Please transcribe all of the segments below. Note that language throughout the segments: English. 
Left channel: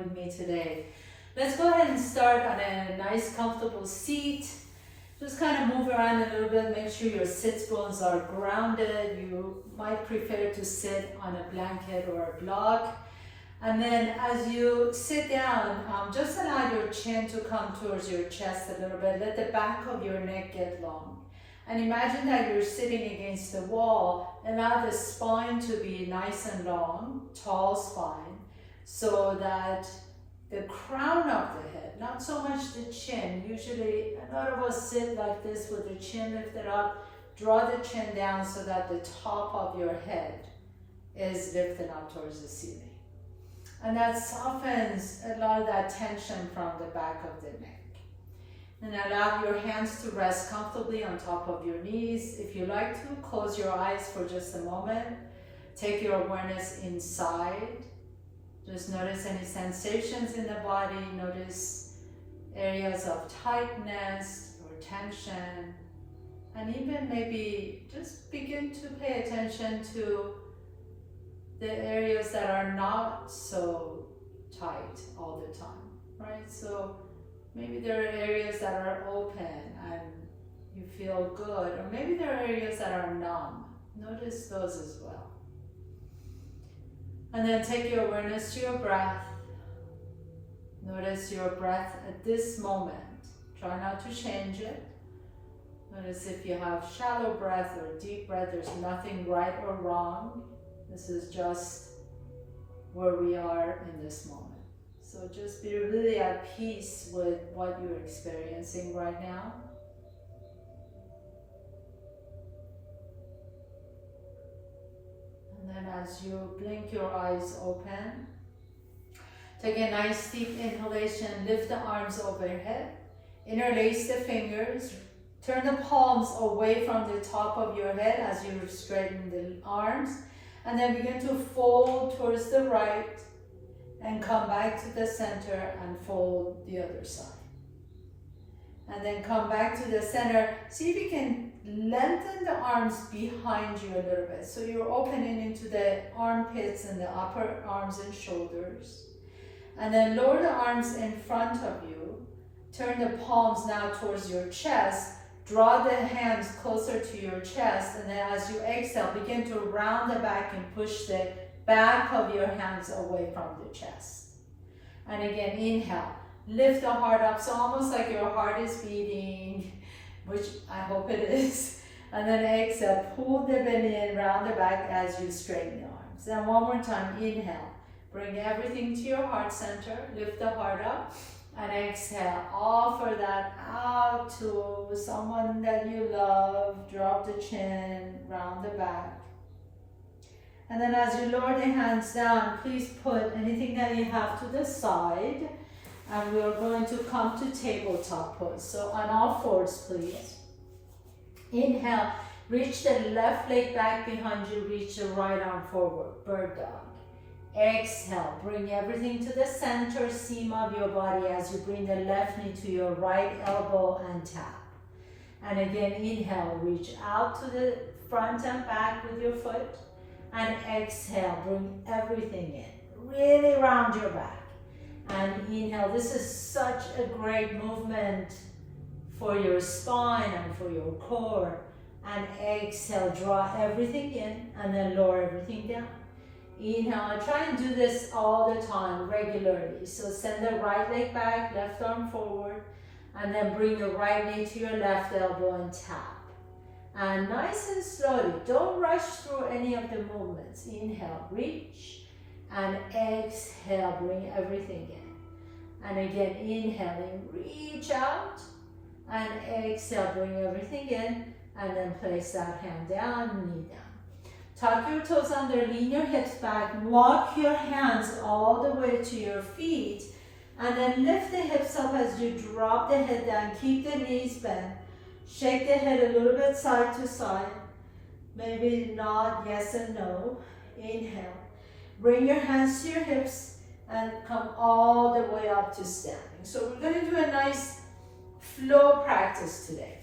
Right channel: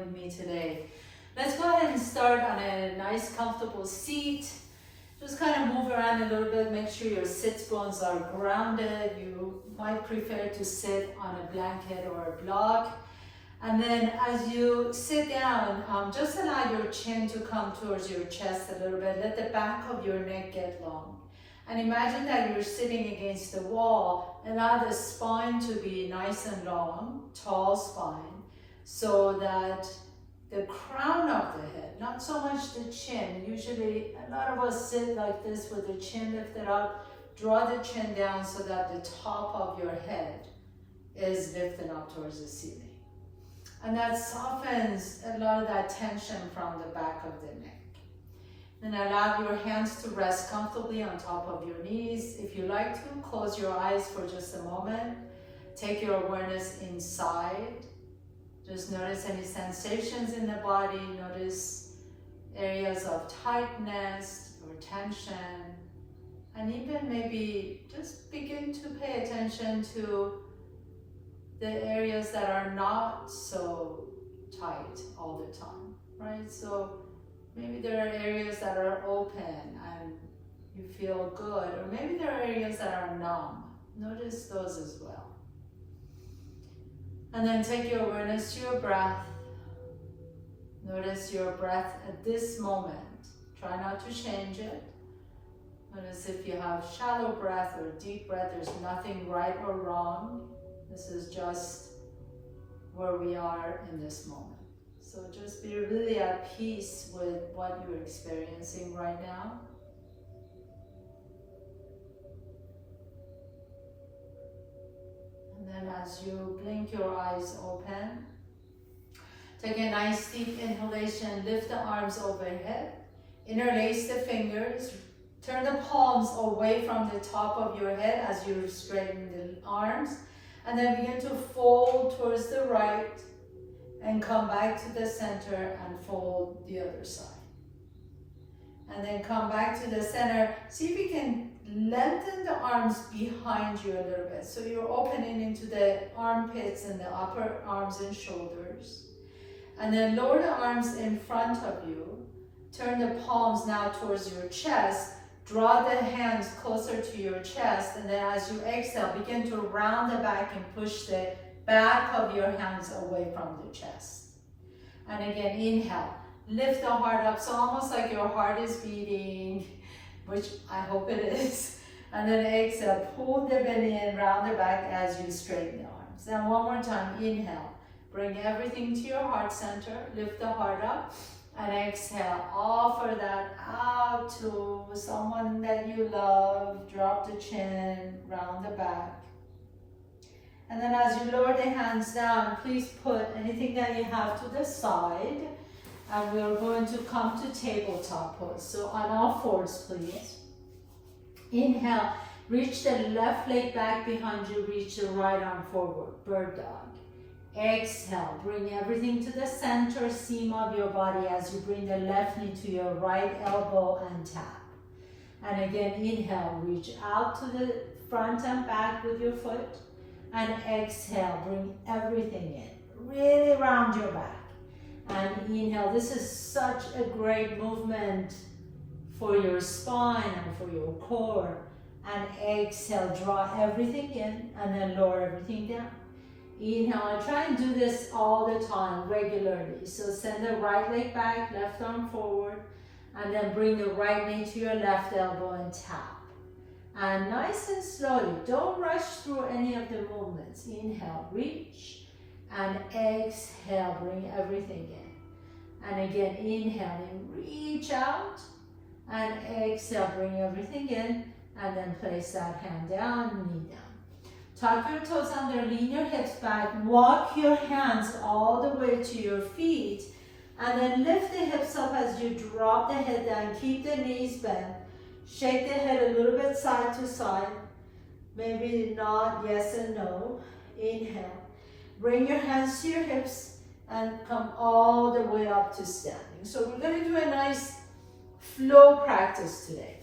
with me today. Let's go ahead and start on a nice comfortable seat. Just kind of move around a little bit, make sure your sits bones are grounded. You might prefer to sit on a blanket or a block. And then as you sit down, just allow your chin to come towards your chest a little bit. Let the back of your neck get long. And imagine that you're sitting against the wall. Allow the spine to be nice and long, tall spine, so that the crown of the head, not so much the chin. Usually a lot of us sit like this with the chin lifted up. Draw the chin down so that the top of your head is lifted up towards the ceiling. And that softens a lot of that tension from the back of the neck. Then allow your hands to rest comfortably on top of your knees. If you like to, close your eyes for just a moment. Take your awareness inside. Just notice any sensations in the body. Notice areas of tightness or tension. And even maybe just begin to pay attention to the areas that are not so tight all the time, right? So maybe there are areas that are open and you feel good, or maybe there are areas that are numb. Notice those as well. And then take your awareness to your breath. Notice your breath at this moment. Try not to change it. Notice if you have shallow breath or deep breath, there's nothing right or wrong. This is just where we are in this moment. So just be really at peace with what you're experiencing right now. And then as you blink your eyes open, take a nice deep inhalation, lift the arms overhead, interlace the fingers, turn the palms away from the top of your head as you straighten the arms. And then begin to fold towards the right and come back to the center and fold the other side. And then come back to the center. See if you can lengthen the arms behind you a little bit. So you're opening into the armpits and the upper arms and shoulders. And then lower the arms in front of you. Turn the palms now towards your chest. Draw the hands closer to your chest, and then as you exhale, begin to round the back and push the back of your hands away from the chest. And again, inhale, lift the heart up, so almost like your heart is beating, which I hope it is. And then exhale, pull the belly in, round the back as you straighten the arms. And one more time, inhale, bring everything to your heart center, lift the heart up. And exhale, offer that out to someone that you love. Drop the chin, round the back. And then as you lower the hands down, please put anything that you have to the side. And we're going to come to tabletop pose. So on all fours, please. Inhale, reach the left leg back behind you, reach the right arm forward, bird dog. Exhale, bring everything to the center seam of your body as you bring the left knee to your right elbow and tap. And again, inhale, reach out to the front and back with your foot. And exhale, bring everything in. Really round your back. And inhale, this is such a great movement for your spine and for your core. And exhale, draw everything in and then lower everything down. Inhale, try and do this all the time, regularly. So send the right leg back, left arm forward, and then bring the right knee to your left elbow and tap. And nice and slowly, don't rush through any of the movements. Inhale, reach, and exhale, bring everything in. And again, inhaling, reach out, and exhale, bring everything in, and then place that hand down, knee down. Tuck your toes under, lean your hips back, walk your hands all the way to your feet, and then lift the hips up as you drop the head down. Keep the knees bent. Shake the head a little bit side to side. Maybe nod yes and no. Inhale. Bring your hands to your hips and come all the way up to standing. So we're going to do a nice flow practice today.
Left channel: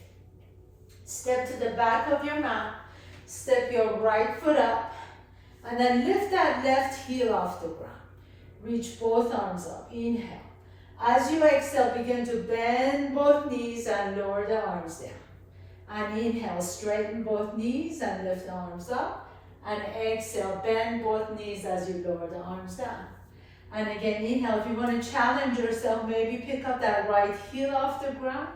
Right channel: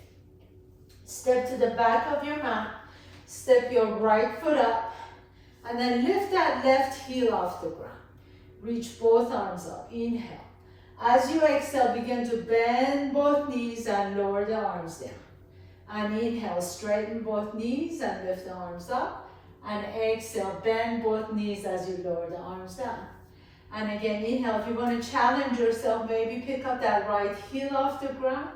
Step to the back of your mat. Step your right foot up and then lift that left heel off the ground. Reach both arms up. Inhale. As you exhale, begin to bend both knees and lower the arms down. And inhale, straighten both knees and lift the arms up. And exhale, bend both knees as you lower the arms down. And again, inhale, if you want to challenge yourself, maybe pick up that right heel off the ground.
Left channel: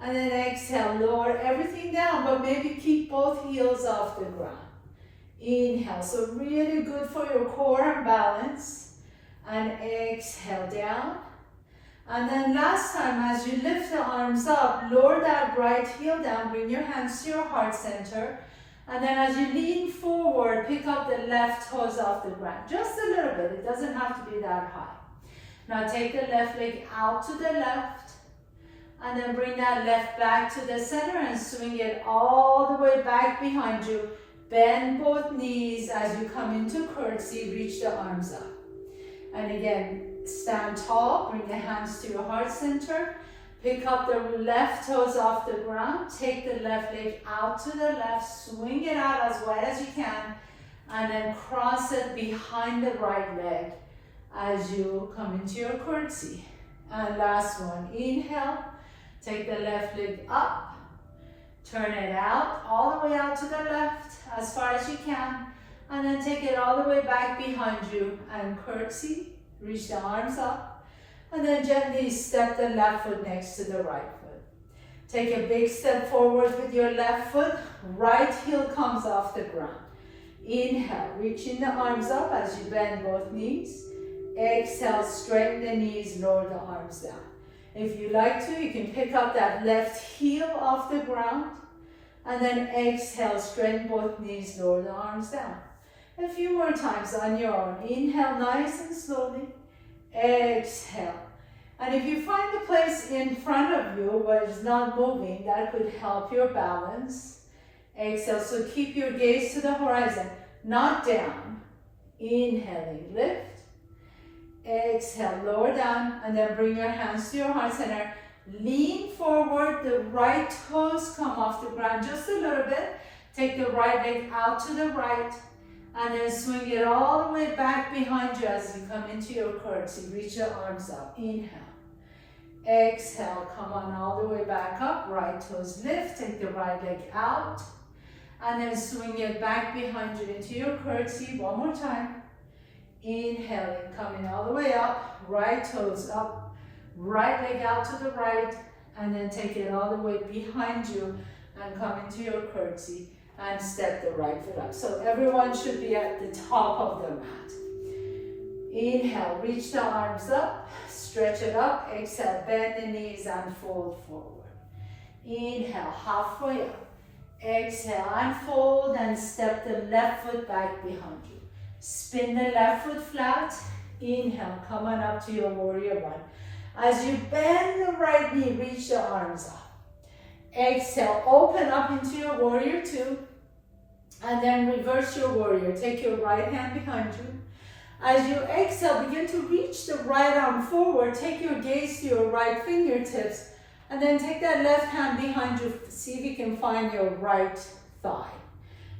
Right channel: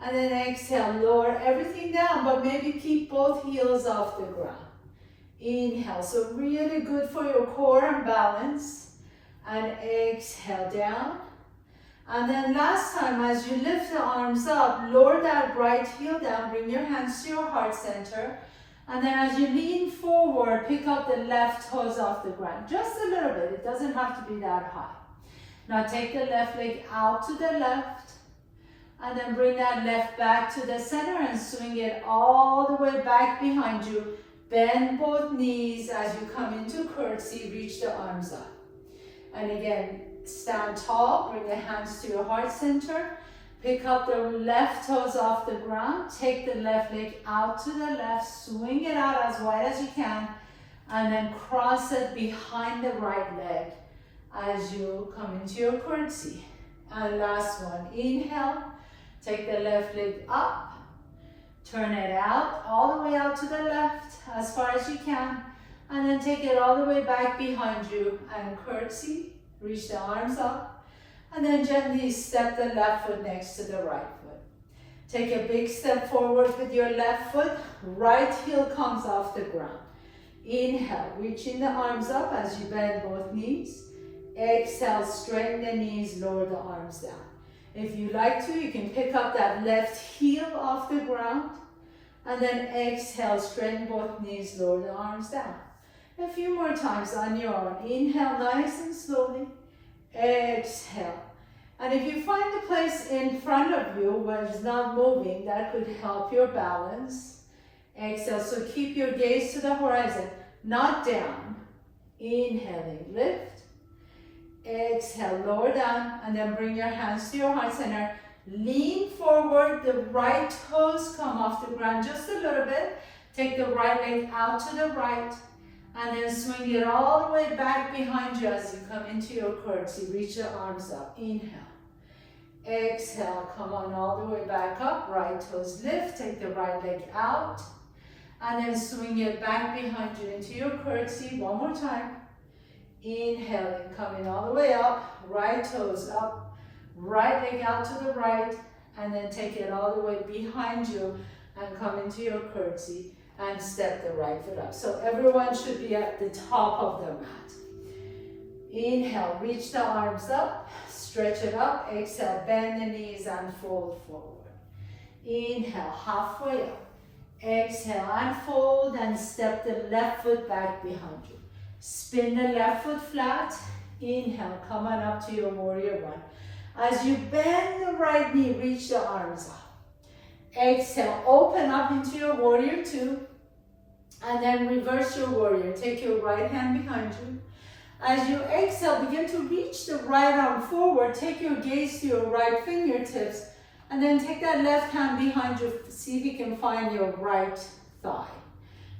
And then exhale, lower everything down, but maybe keep both heels off the ground. Inhale, so really good for your core and balance. And exhale down. And then last time, as you lift the arms up, lower that right heel down, bring your hands to your heart center. And then as you lean forward, pick up the left toes off the ground. Just a little bit, it doesn't have to be that high. Now take the left leg out to the left. And then bring that left back to the center and swing it all the way back behind you. Bend both knees as you come into curtsy, reach the arms up. And again, stand tall, bring the hands to your heart center. Pick up the left toes off the ground. Take the left leg out to the left. Swing it out as wide as you can. And then cross it behind the right leg as you come into your curtsy. And last one, inhale. Take the left leg up. Turn it out, all the way out to the left, as far as you can. And then take it all the way back behind you and curtsy. Reach the arms up. And then gently step the left foot next to the right foot. Take a big step forward with your left foot. Right heel comes off the ground. Inhale, reaching the arms up as you bend both knees. Exhale, straighten the knees, lower the arms down. If you like to, you can pick up that left heel off the ground. And then exhale, straighten both knees, lower the arms down. A few more times on your own. Inhale nice and slowly. Exhale. And if you find the place in front of you where it's not moving, that could help your balance. Exhale, so keep your gaze to the horizon, not down. Inhaling, lift. Exhale, lower down, and then bring your hands to your heart center. Lean forward, the right toes come off the ground just a little bit. Take the right leg out to the right. And then swing it all the way back behind you as you come into your curtsy. Reach your arms up. Inhale. Exhale. Come on all the way back up. Right toes lift. Take the right leg out. And then swing it back behind you into your curtsy. One more time. Inhaling. Coming all the way up. Right toes up. Right leg out to the right. And then take it all the way behind you and come into your curtsy. And step the right foot up. So everyone should be at the top of the mat. Inhale, reach the arms up, stretch it up. Exhale, bend the knees and fold forward. Inhale, halfway up. Exhale and fold and step the left foot back behind you. Spin the left foot flat. Inhale, come on up to your warrior one. As you bend the right knee, reach the arms up. Exhale, open up into your warrior two. And then reverse your warrior. Take your right hand behind you. As you exhale, begin to reach the right arm forward. Take your gaze to your right fingertips. And then take that left hand behind you. See if you can find your right thigh.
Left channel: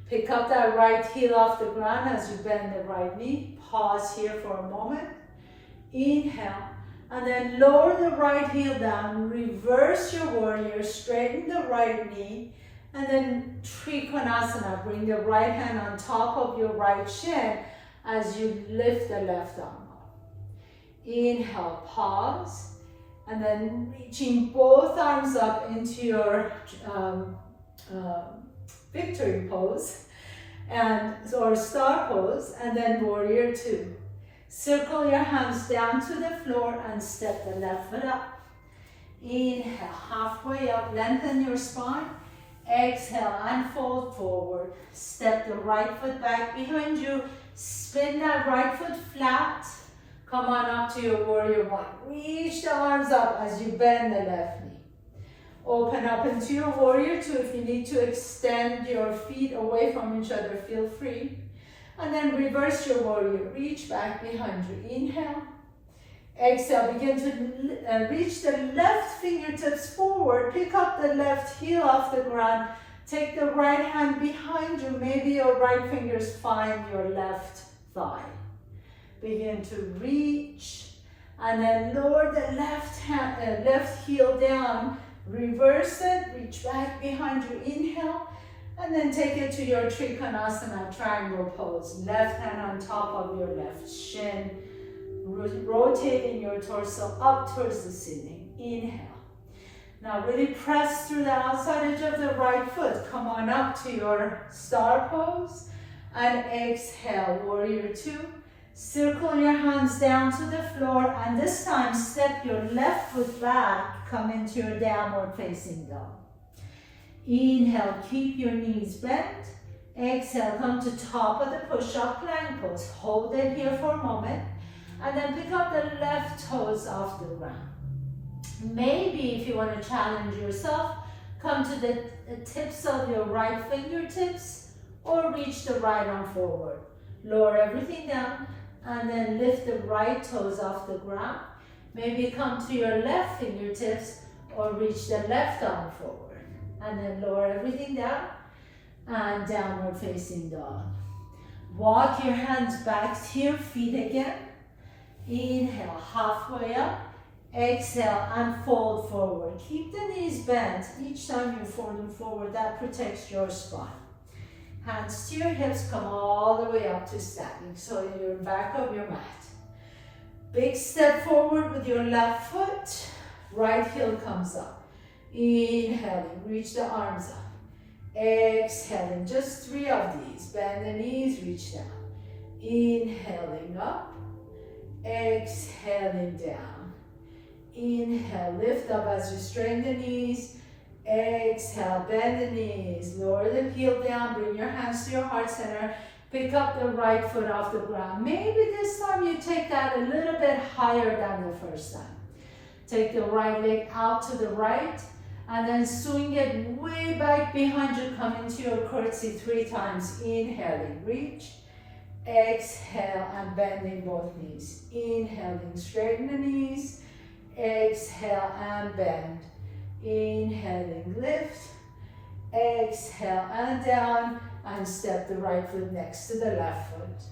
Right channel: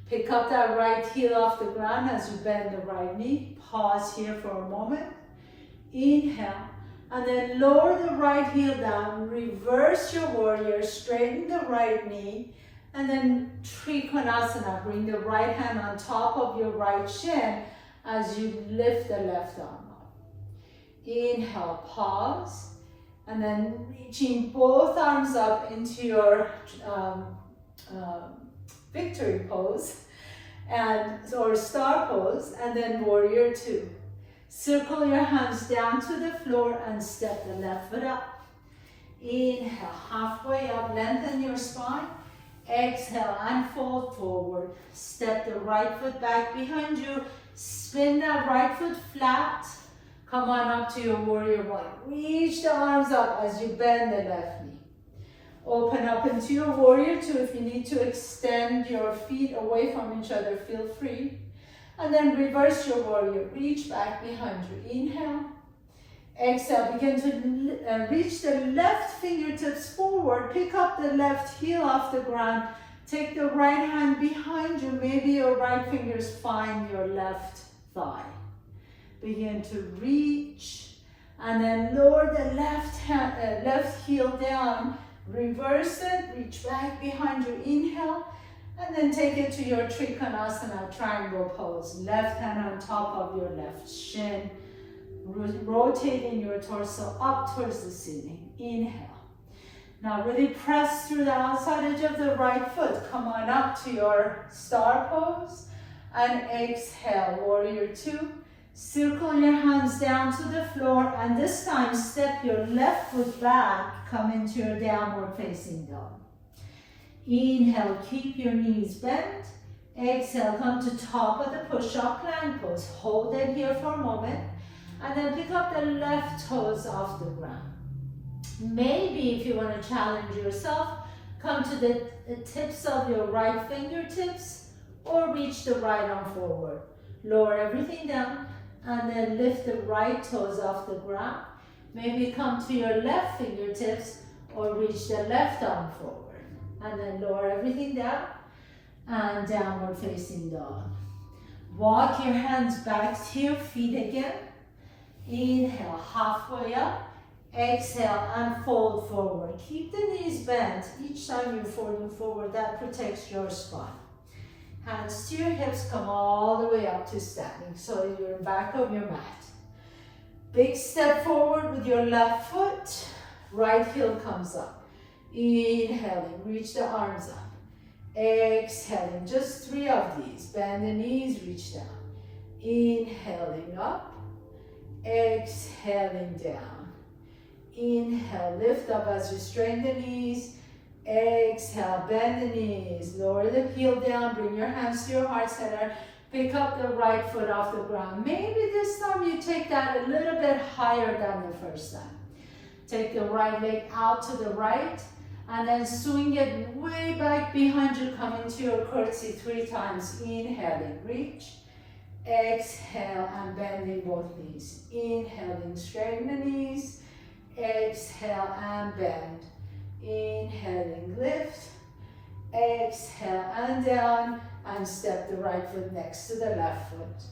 Pick up that right heel off the ground as you bend the right knee. Pause here for a moment. Inhale. And then lower the right heel down. Reverse your warrior. Straighten the right knee. And then Trikonasana, bring the right hand on top of your right shin as you lift the left arm up. Inhale, pause, and then reaching both arms up into your victory pose, or star pose, and then warrior two. Circle your hands down to the floor and step the left foot up. Inhale, halfway up, lengthen your spine. Exhale and fold forward. Step the right foot back behind you. Spin that right foot flat. Come on up to your warrior one. Reach the arms up as you bend the left knee. Open up into your warrior two. If you need to extend your feet away from each other, feel free. And then reverse your warrior. Reach back behind you. Inhale. Exhale, begin to reach the left fingertips forward. Pick up the left heel off the ground. Take the right hand behind you. Maybe your right fingers find your left thigh. Begin to reach. And then lower the left heel down. Reverse it, reach back behind you, inhale. And then take it to your Trikonasana triangle pose. Left hand on top of your left shin. Rotating your torso up towards the ceiling. Inhale. Now really press through the outside edge of the right foot. Come on up to your star pose. And exhale, warrior two. Circle your hands down to the floor. And this time step your left foot back. Come into your downward facing dog. Inhale, keep your knees bent. Exhale, come to top of the push-up plank pose. Hold it here for a moment. And then pick up the left toes off the ground. Maybe if you want to challenge yourself, come to the tips of your right fingertips or reach the right arm forward. Lower everything down and then lift the right toes off the ground. Maybe come to your left fingertips or reach the left arm forward. And then lower everything down and downward facing dog. Walk your hands back to your feet again. Inhale, halfway up. Exhale and fold forward. Keep the knees bent. Each time you're folding forward, that protects your spine. Hands to your hips, come all the way up to standing. So you're back of your mat. Big step forward with your left foot. Right heel comes up. Inhaling, reach the arms up. Exhaling, just 3 of these. Bend the knees, reach down. Inhaling up. Exhaling down. Inhale, lift up as you straighten the knees. Exhale, bend the knees. Lower the heel down, bring your hands to your heart center. Pick up the right foot off the ground. Maybe this time you take that a little bit higher than the first time. Take the right leg out to the right. And then swing it way back behind you. Come into your curtsy 3 times. Inhaling, reach. Exhale and bending both knees. Inhaling, straighten the knees. Exhale and bend. Inhaling, lift. Exhale and down. And step the right foot next to the left foot.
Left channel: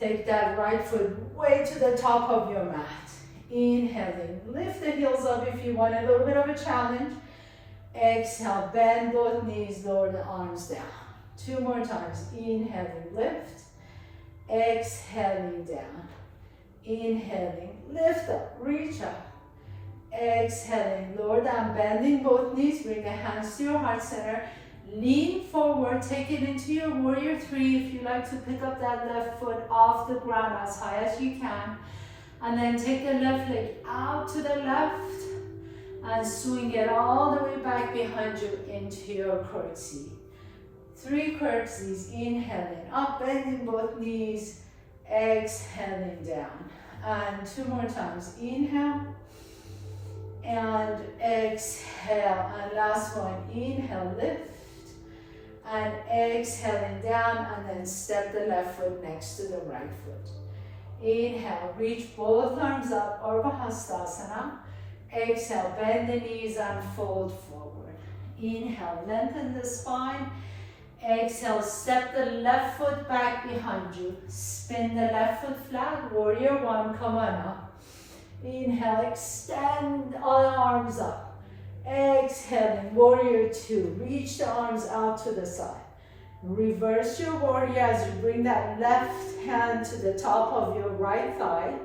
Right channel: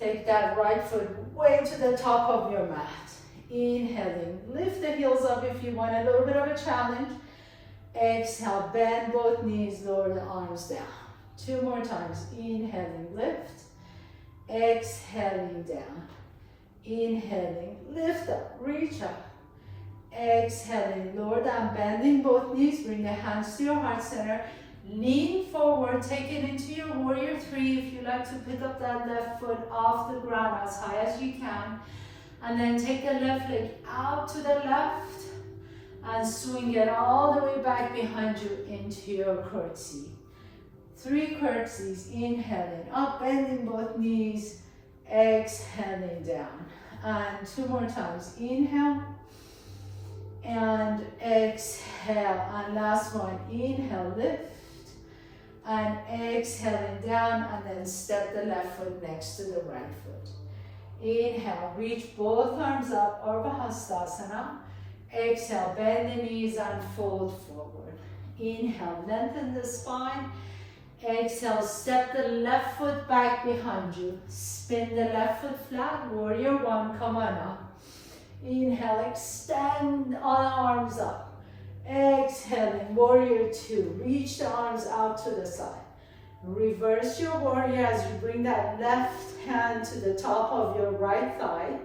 Take that right foot way to the top of your mat. Inhaling, lift the heels up if you want a little bit of a challenge. Exhale, bend both knees, lower the arms down. 2 more times. Inhaling, lift. Exhaling down. Inhaling, lift up, reach up. Exhaling, lower down, bending both knees. Bring the hands to your heart center. Lean forward, take it into your warrior 3. If you like to pick up that left foot off the ground as high as you can. And then take the left leg out to the left. And swing it all the way back behind you into your curtsy. 3 curtsies, inhaling up, bending both knees, exhaling down. And 2 more times, inhale, and exhale. And last one, inhale, lift, and exhaling down, and then step the left foot next to the right foot. Inhale, reach both arms up, Urdhva Hastasana. Exhale, bend the knees and fold forward. Inhale, lengthen the spine. Exhale, step the left foot back behind you. Spin the left foot flat, warrior 1, come on up. Inhale, extend all the arms up. Exhaling, warrior 2, reach the arms out to the side. Reverse your warrior as you bring that left hand to the top of your right thigh.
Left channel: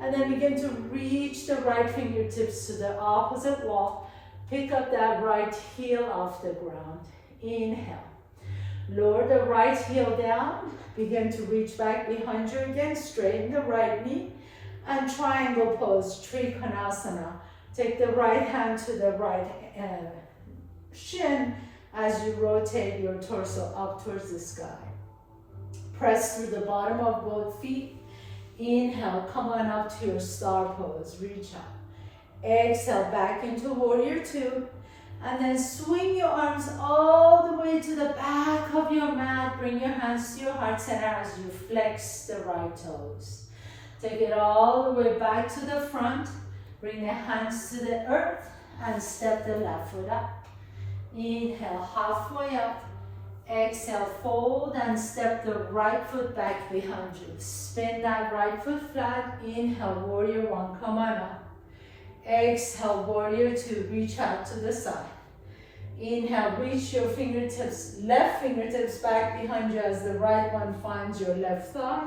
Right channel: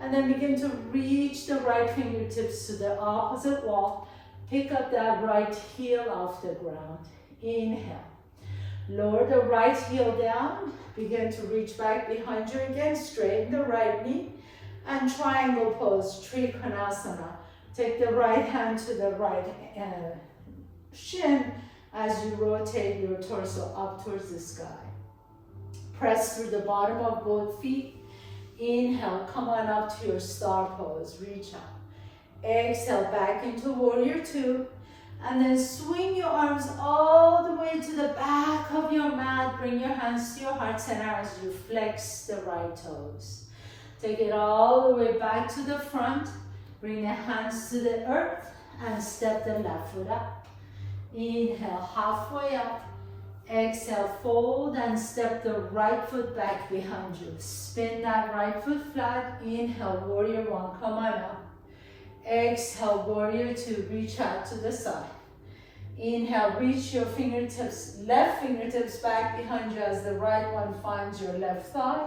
And then begin to reach the right fingertips to the opposite wall. Pick up that right heel off the ground. Inhale. Lower the right heel down. Begin to reach back behind you again. Straighten the right knee. And triangle pose, Trikonasana. Take the right hand to the right shin as you rotate your torso up towards the sky. Press through the bottom of both feet. Inhale, come on up to your star pose, reach up. Exhale, back into warrior 2. And then swing your arms all the way to the back of your mat. Bring your hands to your heart center as you flex the right toes. Take it all the way back to the front. Bring the hands to the earth and step the left foot up. Inhale, halfway up. Exhale, fold and step the right foot back behind you. Spin that right foot flat. Inhale, warrior one, come on up. Exhale, warrior two, reach out to the side. Inhale, reach your fingertips, left fingertips back behind you as the right one finds your left thigh.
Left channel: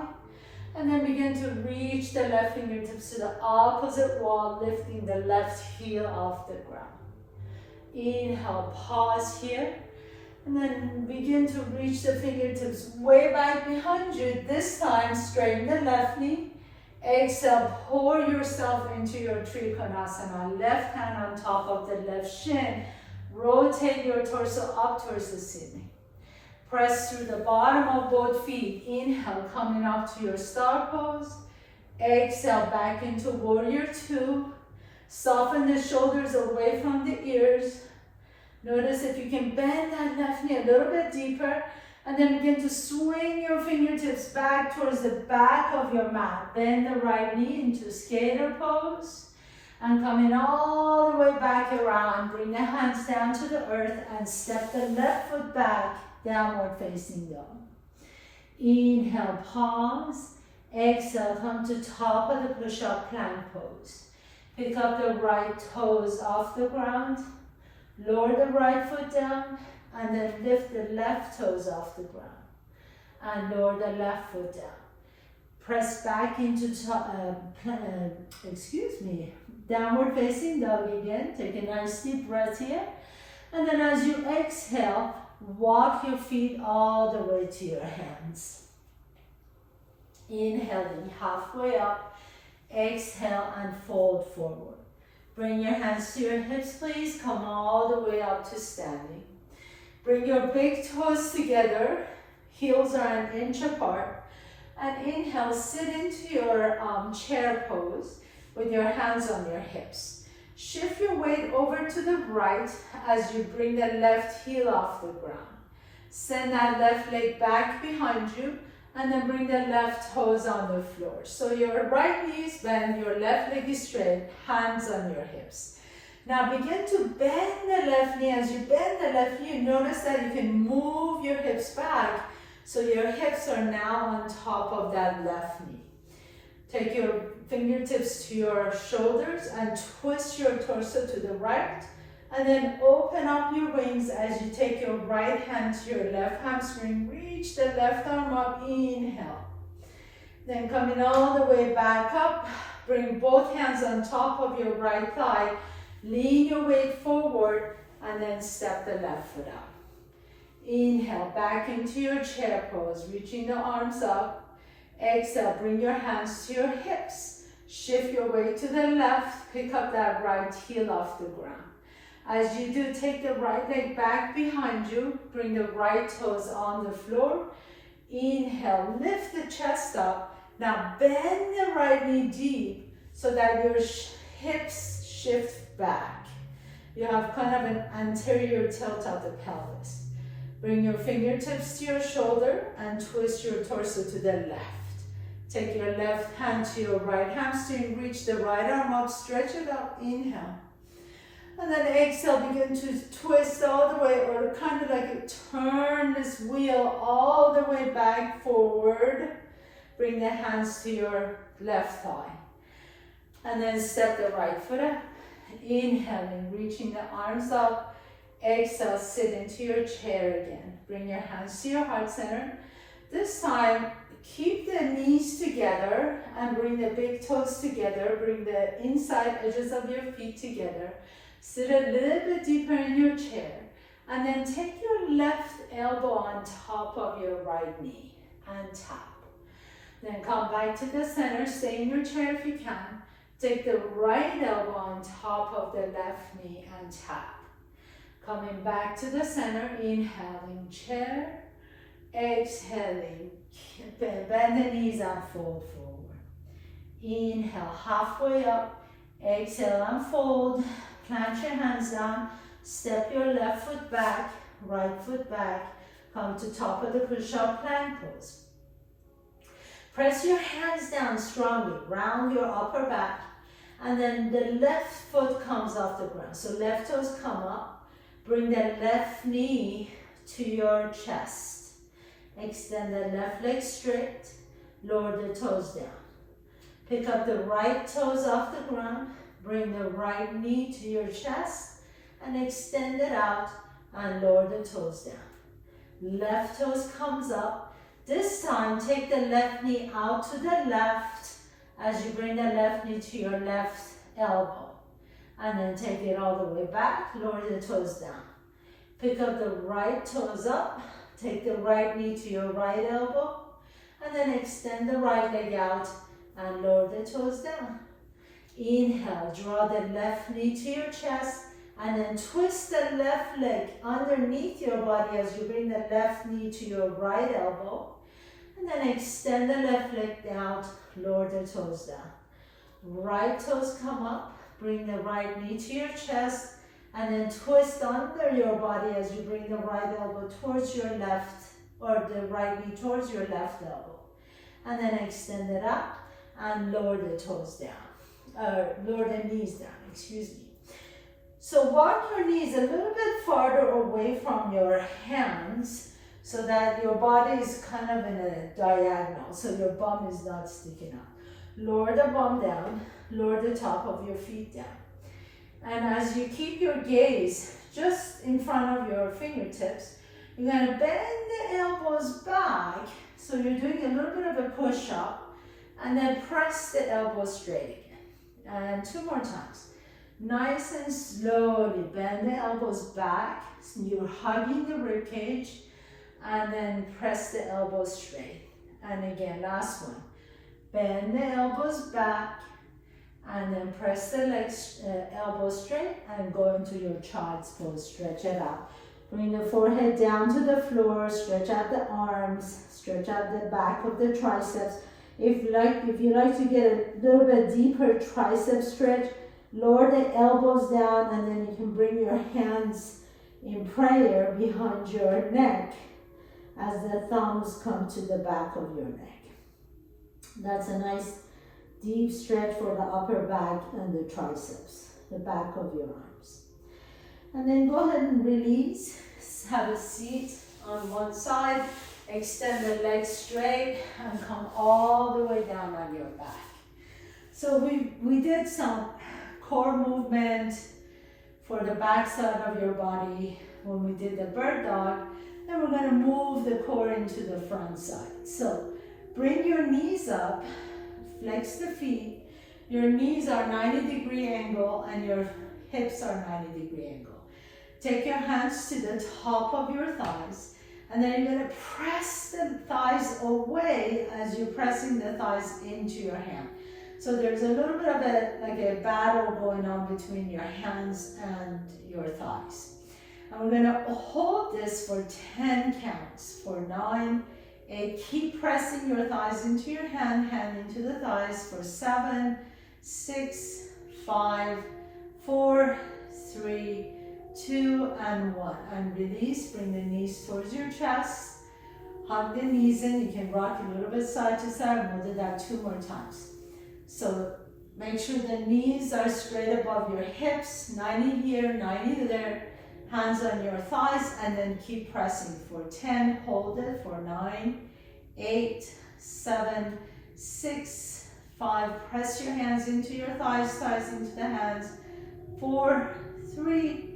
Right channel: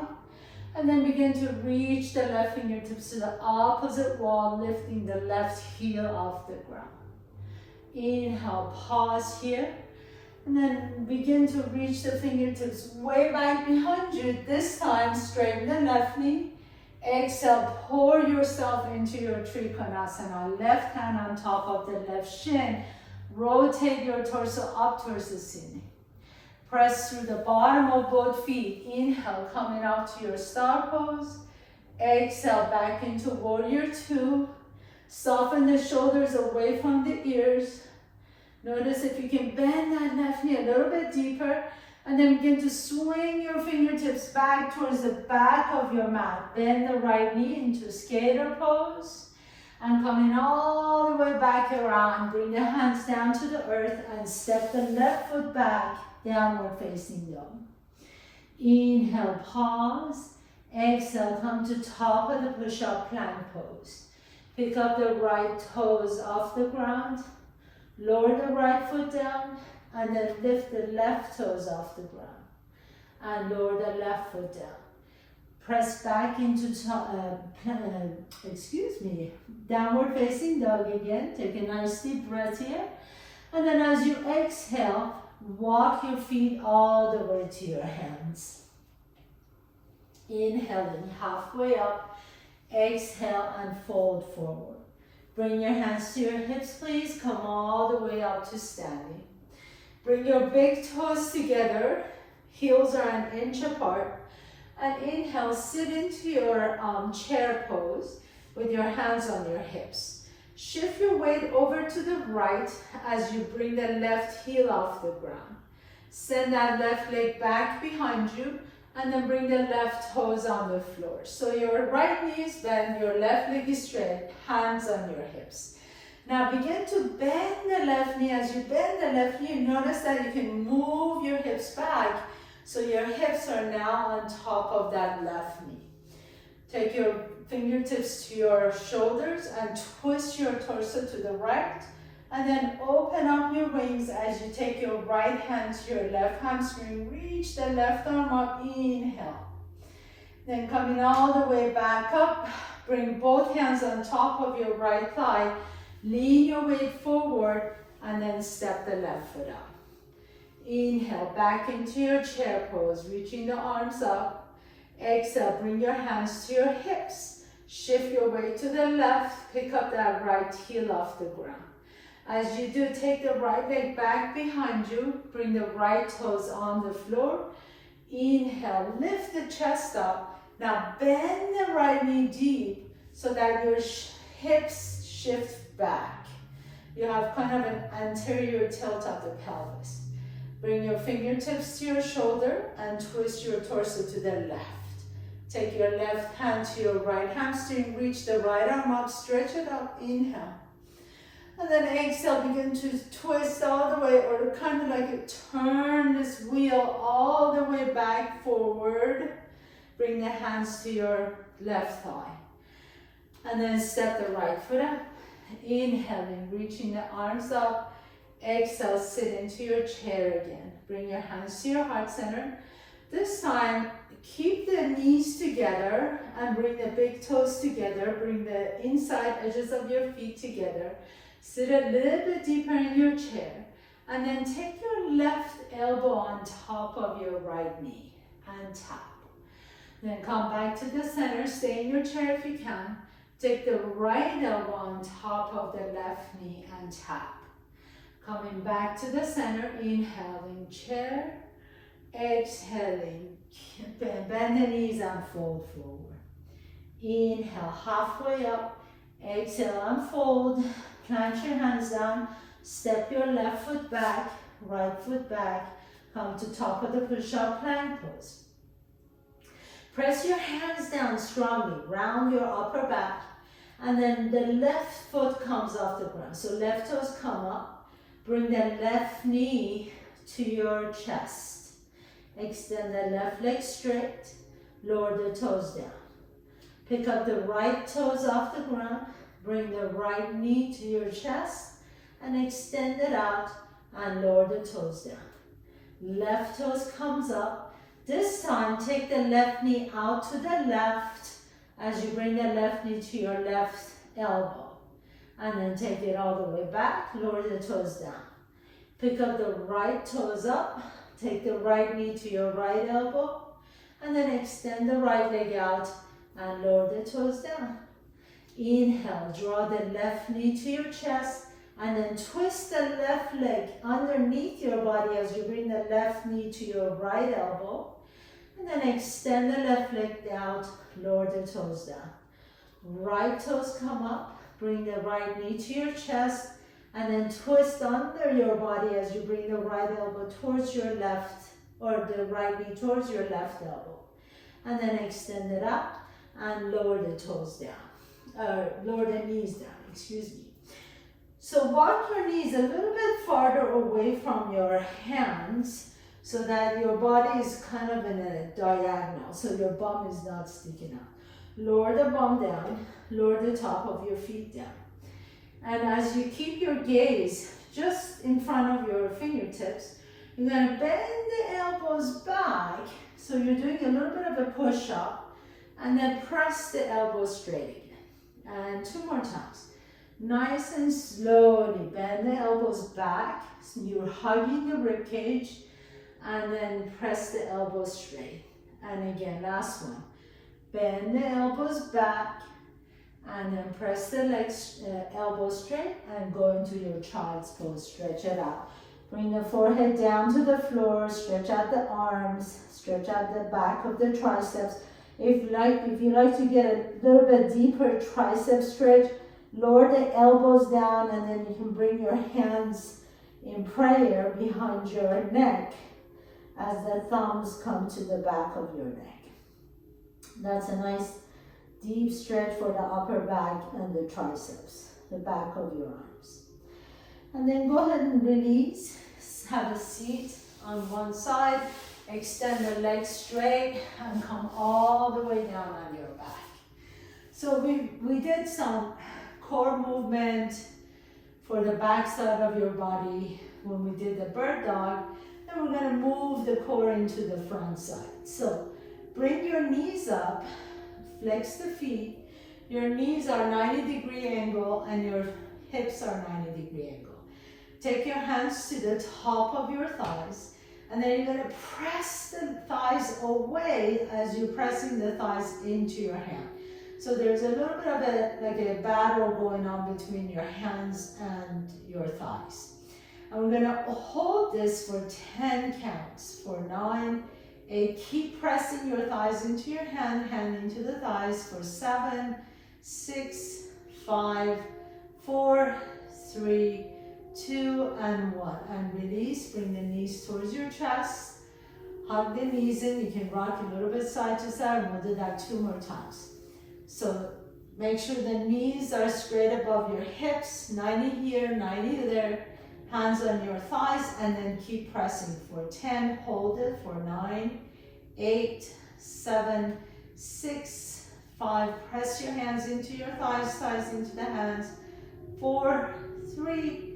And then begin to reach the left fingertips to the opposite wall, lifting the left heel off the ground. Inhale, pause here. And then begin to reach the fingertips way back behind you. This time, straighten the left knee. Exhale, pour yourself into your Trikonasana. Left hand on top of the left shin. Rotate your torso up towards the ceiling. Press through the bottom of both feet. Inhale, coming up to your star pose. Exhale, back into warrior two. Soften the shoulders away from the ears. Notice if you can bend that left knee a little bit deeper, and then begin to swing your fingertips back towards the back of your mat. Bend the right knee into skater pose. And coming all the way back around, bring the hands down to the earth and step the left foot back, downward facing dog. Inhale, pause. Exhale, come to top of the push-up plank pose. Pick up the right toes off the ground. Lower the right foot down and then lift the left toes off the ground. And lower the left foot down. Press back into downward facing dog again. Take a nice deep breath here. And then as you exhale, walk your feet all the way to your hands. Inhaling halfway up. Exhale and fold forward. Bring your hands to your hips, please. Come all the way up to standing. Bring your big toes together. Heels are an inch apart. And inhale, sit into your chair pose with your hands on your hips. Shift your weight over to the right as you bring the left heel off the ground. Send that left leg back behind you and then bring the left toes on the floor. So your right knee is bent, your left leg is straight, hands on your hips. Now begin to bend the left knee. As you bend the left knee, you notice that you can move your hips back. So your hips are now on top of that left knee. Take your fingertips to your shoulders and twist your torso to the right. And then open up your wings as you take your right hand to your left hamstring. Reach the left arm up, inhale. Then coming all the way back up, bring both hands on top of your right thigh. Lean your weight forward and then step the left foot out. Inhale, back into your chair pose, reaching the arms up. Exhale, bring your hands to your hips. Shift your weight to the left, pick up that right heel off the ground. As you do, take the right leg back behind you, bring the right toes on the floor. Inhale, lift the chest up. Now bend the right knee deep so that your hips shift back. You have kind of an anterior tilt of the pelvis. Bring your fingertips to your shoulder and twist your torso to the left. Take your left hand to your right hamstring, reach the right arm up, stretch it up, inhale. And then exhale, begin to twist all the way, or kind of like you turn this wheel all the way back forward. Bring the hands to your left thigh. And then step the right foot up. Inhaling, reaching the arms up. Exhale, sit into your chair again. Bring your hands to your heart center. This time, keep the knees together and bring the big toes together. Bring the inside edges of your feet together. Sit a little bit deeper in your chair. And then take your left elbow on top of your right knee and tap. Then come back to the center. Stay in your chair if you can. Take the right elbow on top of the left knee and tap. Coming back to the center, inhaling, chair, exhaling, bend the knees and fold forward. Inhale, halfway up, exhale and fold, plant your hands down, step your left foot back, right foot back, come to top of the push-up plank pose. Press your hands down strongly, round your upper back, and then the left foot comes off the ground. So left toes come up. Bring the left knee to your chest. Extend the left leg straight, lower the toes down. Pick up the right toes off the ground, bring the right knee to your chest, and extend it out and lower the toes down. Left toes comes up. This time, take the left knee out to the left as you bring the left knee to your left elbow. And then take it all the way back, lower the toes down. Pick up the right toes up, take the right knee to your right elbow, and then extend the right leg out and lower the toes down. Inhale, draw the left knee to your chest, and then twist the left leg underneath your body as you bring the left knee to your right elbow, and then extend the left leg out, lower the toes down. Right toes come up, bring the right knee to your chest, and then twist under your body as you bring the right elbow towards your left, or the right knee towards your left elbow. And then extend it up and lower the toes down, lower the knees down, excuse me. So walk your knees a little bit farther away from your hands so that your body is kind of in a diagonal, so your bum is not sticking out. Lower the bum down, lower the top of your feet down. And as you keep your gaze just in front of your fingertips, you're going to bend the elbows back. So you're doing a little bit of a push-up, and then press the elbows straight again. And 2 more times. Nice and slowly bend the elbows back. So you're hugging the rib cage, and then press the elbows straight. And again, last one. Bend the elbows back, and then press the legs, elbows straight, and go into your child's pose. Stretch it out. Bring the forehead down to the floor. Stretch out the arms. Stretch out the back of the triceps. If you like to get a little bit deeper tricep stretch, lower the elbows down, and then you can bring your hands in prayer behind your neck as the thumbs come to the back of your neck. That's a nice deep stretch for the upper back and the triceps, the back of your arms. And then go ahead and release. Have a seat on one side. Extend the legs straight and come all the way down on your back. So we did some core movement for the back side of your body when we did the bird dog. Then we're going to move the core into the front side. So bring your knees up, flex the feet. Your knees are 90-degree angle and your hips are 90-degree angle. Take your hands to the top of your thighs, and then you're going to press the thighs away as you're pressing the thighs into your hand. So there's a little bit of a battle going on between your hands and your thighs. And we're going to hold this for 10 counts, for 9, 8. Keep pressing your thighs into your hand, hand into the thighs for 7, 6, 5, 4, 3, 2, and 1. And release. Bring the knees towards your chest. Hug the knees in. You can rock a little bit side to side. We'll do that 2 more times. So make sure the knees are straight above your hips. 90 here, 90 there. Hands on your thighs, and then keep pressing for 10. Hold it for 9, 8, 7, 6, 5. Press your hands into your thighs, thighs into the hands. 4, 3,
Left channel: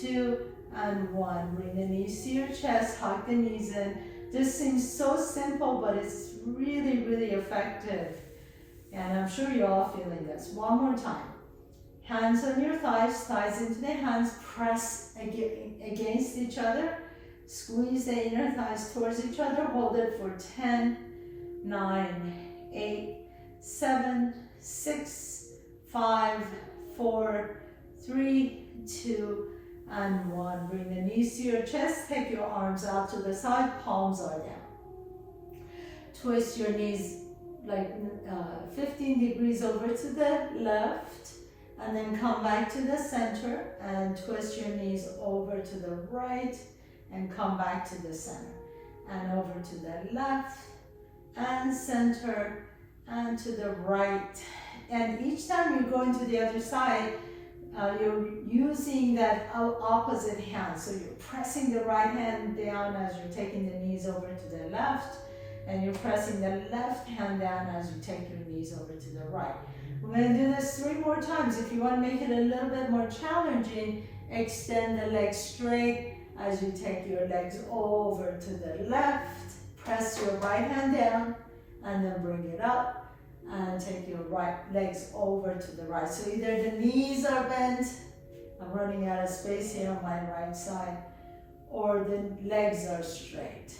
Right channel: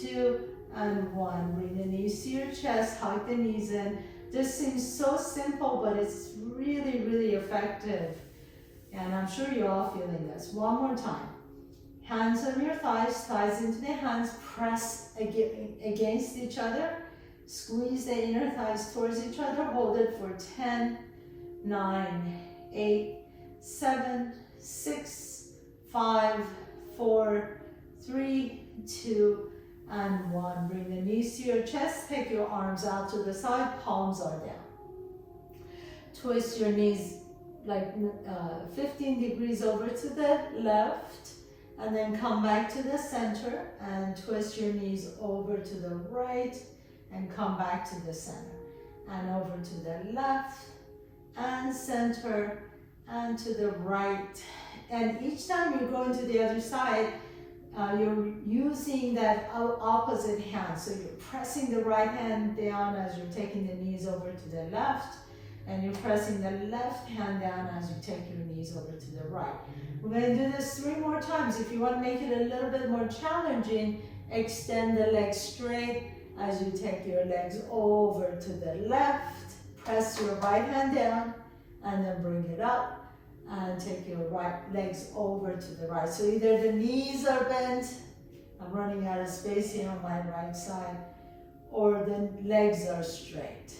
2, and 1. Bring the knees to your chest, hug the knees in. This seems so simple, but it's really, really effective. And I'm sure you're all feeling this. 1 more time. Hands on your thighs, thighs into the hands. Press against each other. Squeeze the inner thighs towards each other. Hold it for 10, 9, 8, 7, 6, 5, 4, 3, 2, and 1. Bring the knees to your chest. Take your arms out to the side. Palms are down. Twist your knees like 15 degrees over to the left, and then come back to the center and twist your knees over to the right and come back to the center, and over to the left and center and to the right. And each time you're going to the other side, you're using that opposite hand. So you're pressing the right hand down as you're taking the knees over to the left, and you're pressing the left hand down as you take your knees over to the right. We're going to do this 3 more times. If you want to make it a little bit more challenging, extend the legs straight as you take your legs over to the left. Press your right hand down and then bring it up and take your right legs over to the right. So either the knees are bent, I'm running out of space here on my right side, or the legs are straight.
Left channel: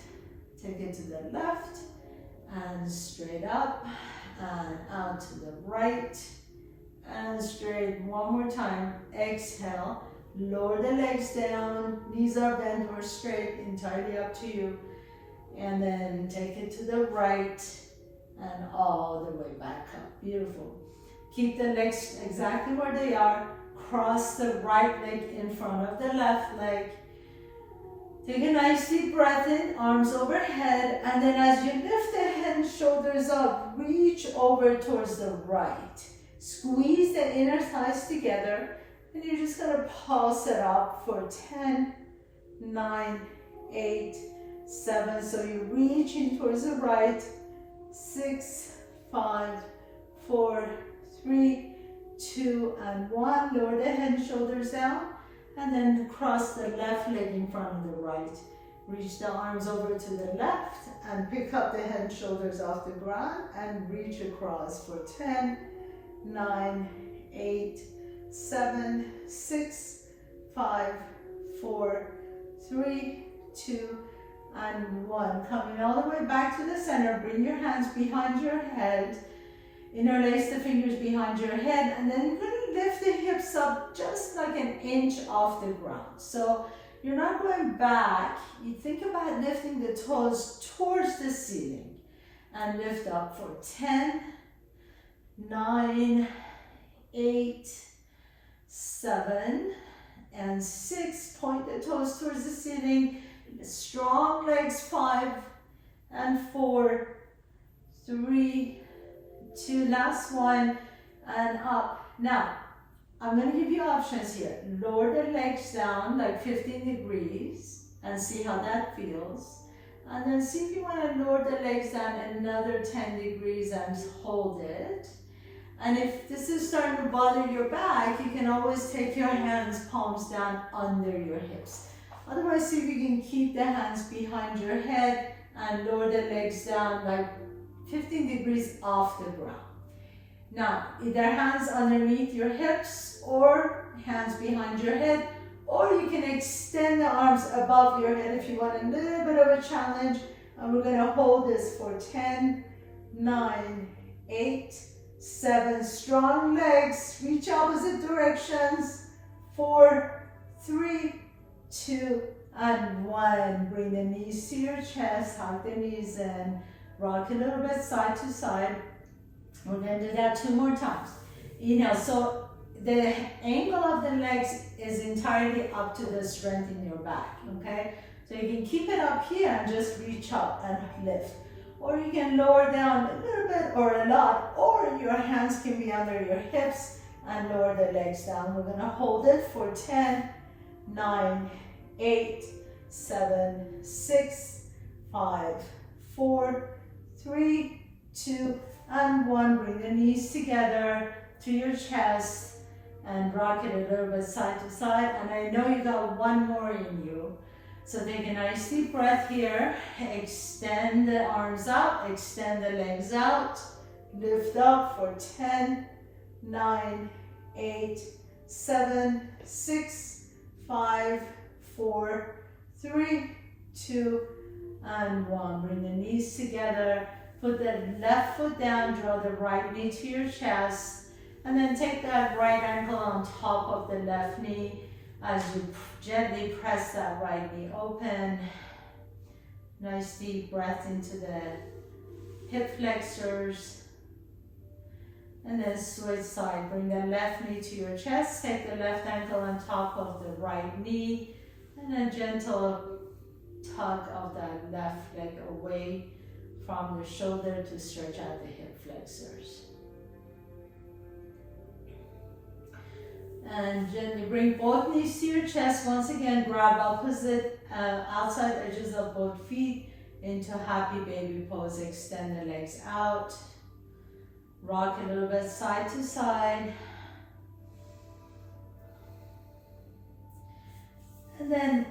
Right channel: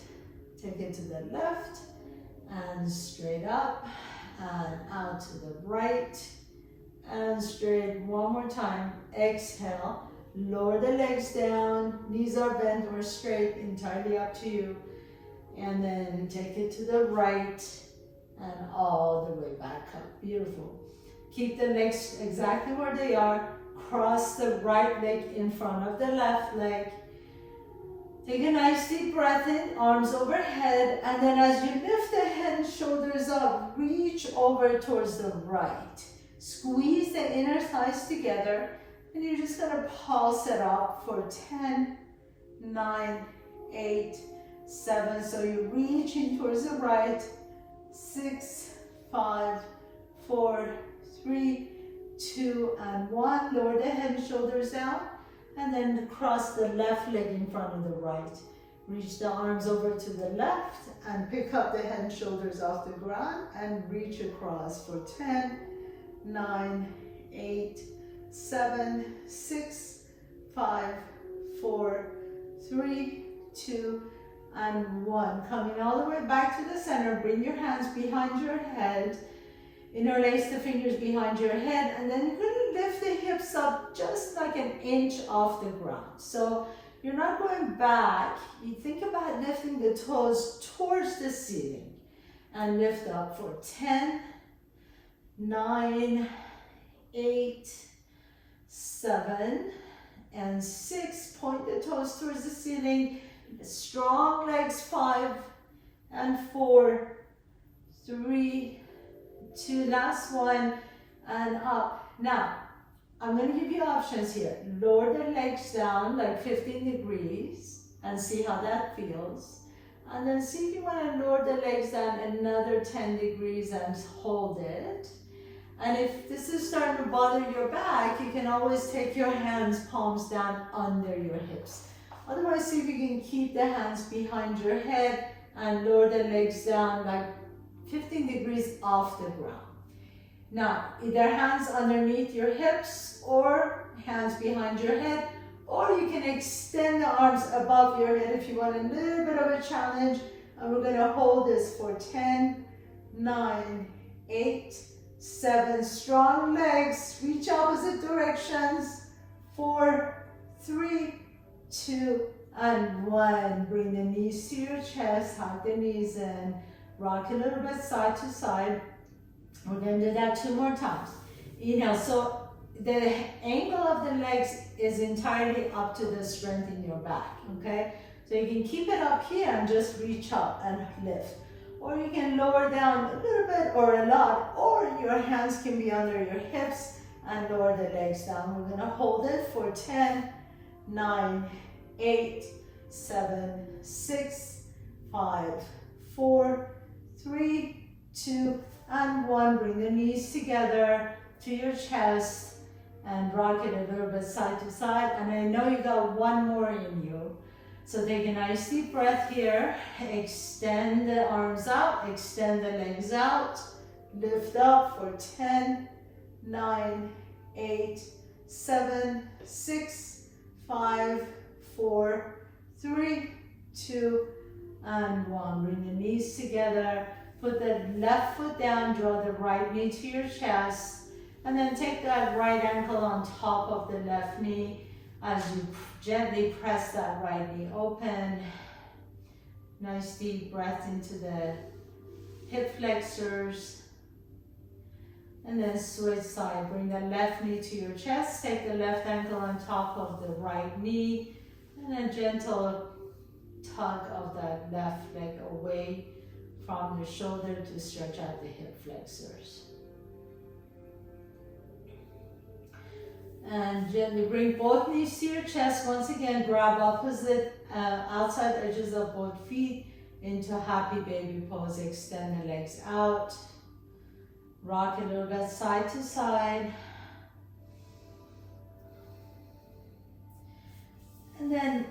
Take it to the left and straight up and out to the right and straight. One more time. Exhale. Lower the legs down. Knees are bent or straight, entirely up to you. And then take it to the right and all the way back up. Beautiful. Keep the legs exactly where they are. Cross the right leg in front of the left leg. Take a nice deep breath in, arms overhead, and then as you lift the head and shoulders up, reach over towards the right. Squeeze the inner thighs together, and you're just gonna pulse it up for 10, 9, 8, 7. So you're reaching towards the right. 6, 5, 4, 3, 2, and 1. Lower the head and shoulders down. And then cross the left leg in front of the right. Reach the arms over to the left and pick up the head and shoulders off the ground and reach across for 10, 9, 8, 7, 6, 5, 4, 3, 2, and 1. Coming all the way back to the center. Bring your hands behind your head. Interlace the fingers behind your head, and then you're going to lift the hips up just like an inch off the ground. So you're not going back. You think about lifting the toes towards the ceiling and lift up for 10, 9, 8, 7, and 6. Point the toes towards the ceiling. Strong legs. 5 and 4, 3, 2, last one, and up. Now, I'm going to give you options here. Lower the legs down like 15 degrees and see how that feels. And then see if you want to lower the legs down another 10 degrees and hold it. And if this is starting to bother your back, you can always take your hands, palms down under your hips. Otherwise, see if you can keep the hands behind your head and lower the legs down like 15 degrees off the ground. Now, either hands underneath your hips or hands behind your head, or you can extend the arms above your head if you want a little bit of a challenge. And we're going to hold this for 10, 9, 8, 7. Strong legs, reach opposite directions. 4, 3, 2, and 1. Bring the knees to your chest, hug the knees in. Rock a little bit side to side. We're going to do that 2 more times. Inhale. So the angle of the legs is entirely up to the strength in your back. Okay? So you can keep it up here and just reach up and lift. Or you can lower down a little bit or a lot. Or your hands can be under your hips and lower the legs down. We're going to hold it for 10, 9, 8, 7, 6, 5, 4, 3, 2, and 1. Bring the knees together to your chest and rock it a little bit side to side. And I know you got 1 more in you. So take a nice deep breath here. Extend the arms out, extend the legs out. Lift up for 10, 9, 8, 7, 6, 5, 4, 3, 2, and 1. Bring the knees together. Put the left foot down, draw the right knee to your chest, and then take that right ankle on top of the left knee as you gently press that right knee open. Nice deep breath into the hip flexors. And then switch side. Bring the left knee to your chest, take the left ankle on top of the right knee, and a gentle tug of that left leg away from the shoulder to stretch out the hip flexors. And gently bring both knees to your chest. Once again, grab opposite outside edges of both feet into happy baby pose. Extend the legs out. Rock a little bit side to side. And then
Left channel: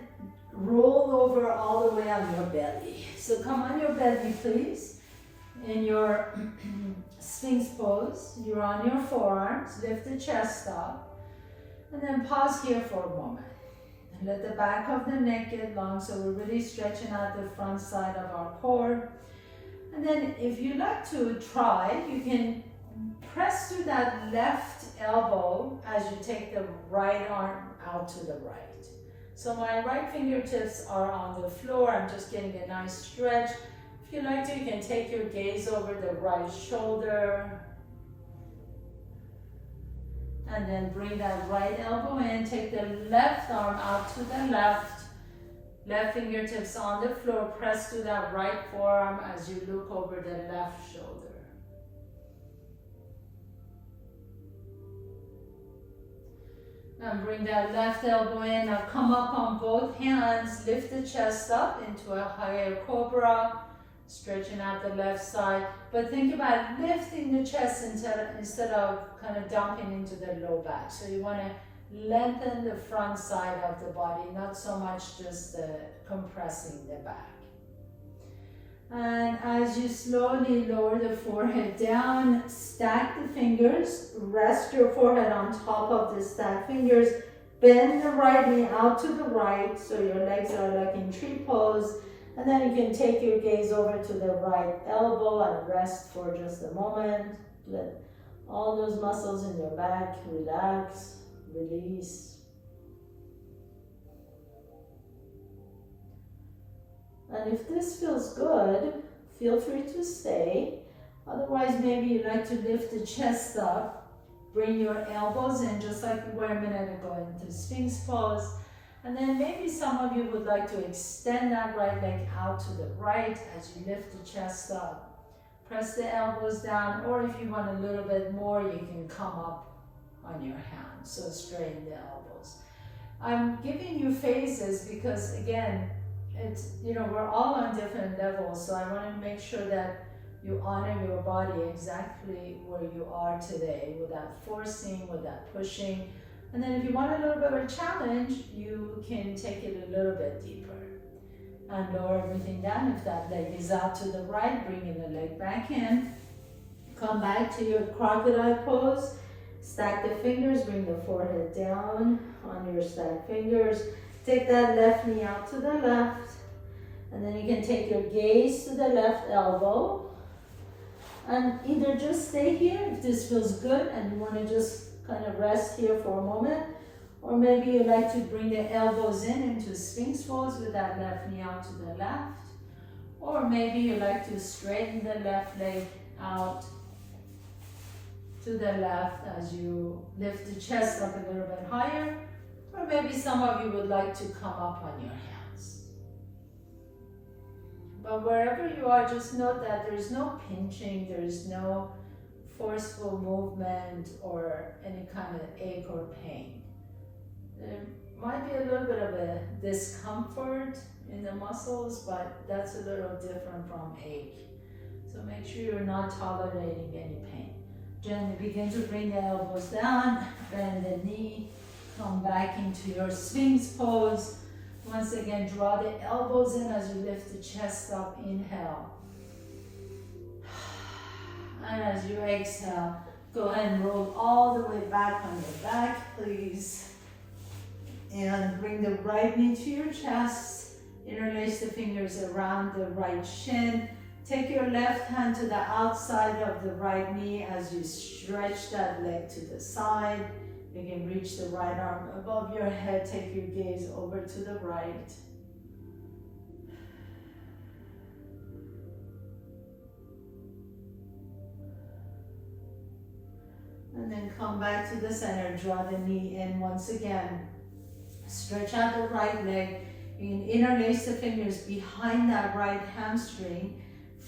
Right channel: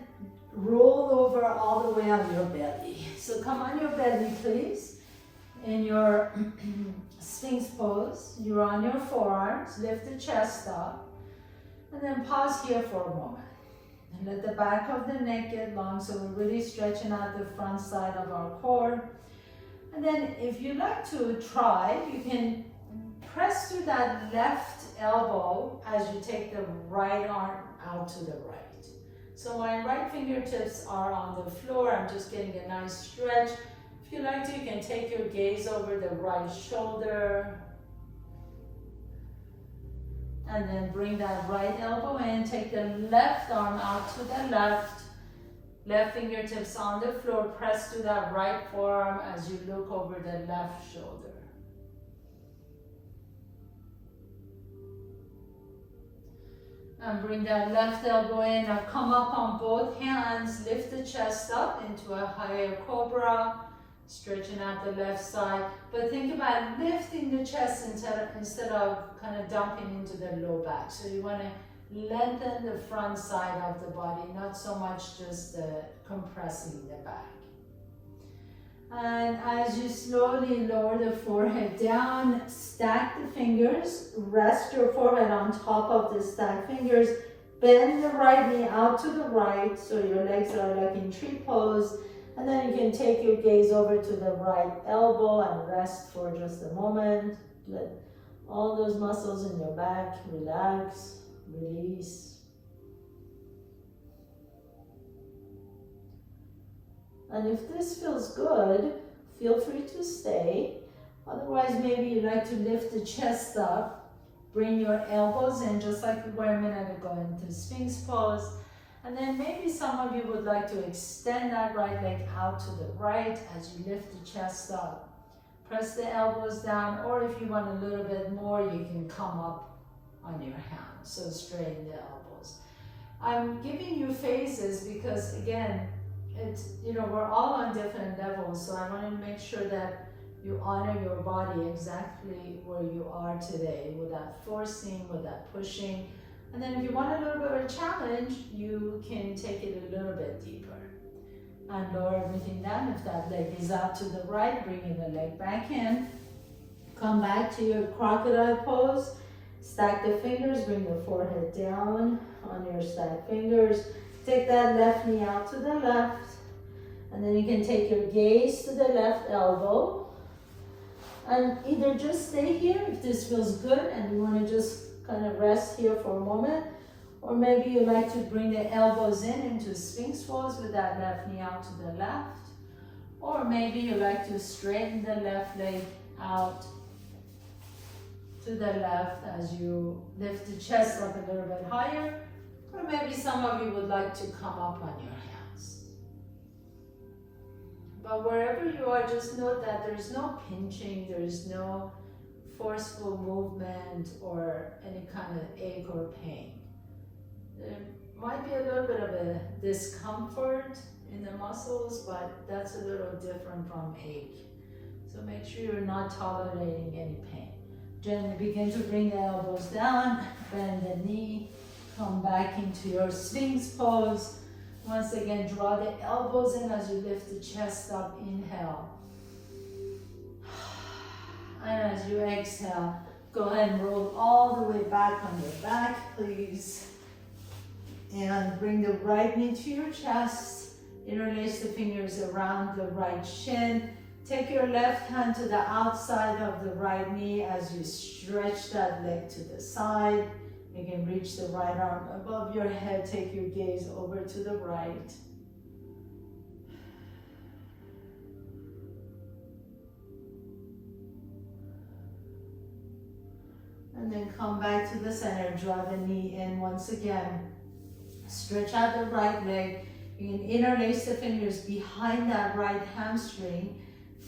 roll over all the way on your belly. So come on your belly, please. In your Sphinx pose, you're on your forearms. Lift the chest up. And then pause here for a moment. And let the back of the neck get long, so we're really stretching out the front side of our core. And then if you like to try, you can press through that left elbow as you take the right arm out to the right. So my right fingertips are on the floor. I'm just getting a nice stretch. If you like to, you can take your gaze over the right shoulder. And then bring that right elbow in. Take the left arm out to the left. Left fingertips on the floor. Press to that right forearm as you look over the left shoulder. And bring that left elbow in. Now come up on both hands. Lift the chest up into a higher cobra. Stretching out the left side. But think about lifting the chest instead of kind of dumping into the low back. So you want to lengthen the front side of the body, not so much just compressing the back. And as you slowly lower the forehead down, stack the fingers, rest your forehead on top of the stacked fingers, bend the right knee out to the right so your legs are like in tree pose, and then you can take your gaze over to the right elbow and rest for just a moment. Let all those muscles in your back relax, release. And if this feels good, feel free to stay. Otherwise, maybe you like to lift the chest up, bring your elbows in just like you were a minute ago into Sphinx pose. And then maybe some of you would like to extend that right leg out to the right as you lift the chest up. Press the elbows down, or if you want a little bit more, you can come up on your hands. So straighten the elbows. I'm giving you phases because again, it's, you know, we're all on different levels, so I want to make sure that you honor your body exactly where you are today without forcing, without pushing. And then if you want a little bit of a challenge, you can take it a little bit deeper. And lower everything down. If that leg is out to the right, bring the leg back in. Come back to your crocodile pose. Stack the fingers, bring the forehead down on your stacked fingers. Take that left knee out to the left, and then you can take your gaze to the left elbow, and either just stay here if this feels good and you want to just kind of rest here for a moment, or maybe you like to bring the elbows in into Sphinx pose with that left knee out to the left, or maybe you like to straighten the left leg out to the left as you lift the chest up a little bit higher. Or maybe some of you would like to come up on your hands. But wherever you are, just note that there's no pinching, there's no forceful movement or any kind of ache or pain. There might be a little bit of a discomfort in the muscles, but that's a little different from ache. So make sure you're not tolerating any pain. Gently begin to bring the elbows down, bend the knee. Come back into your Sphinx pose. Once again, draw the elbows in as you lift the chest up. Inhale. And as you exhale, go ahead and roll all the way back on your back, please. And bring the right knee to your chest. Interlace the fingers around the right shin. Take your left hand to the outside of the right knee as you stretch that leg to the side. You can reach the right arm above your head. Take your gaze over to the right. And then come back to the center. Draw the knee in once again. Stretch out the right leg. You can interlace the fingers behind that right hamstring.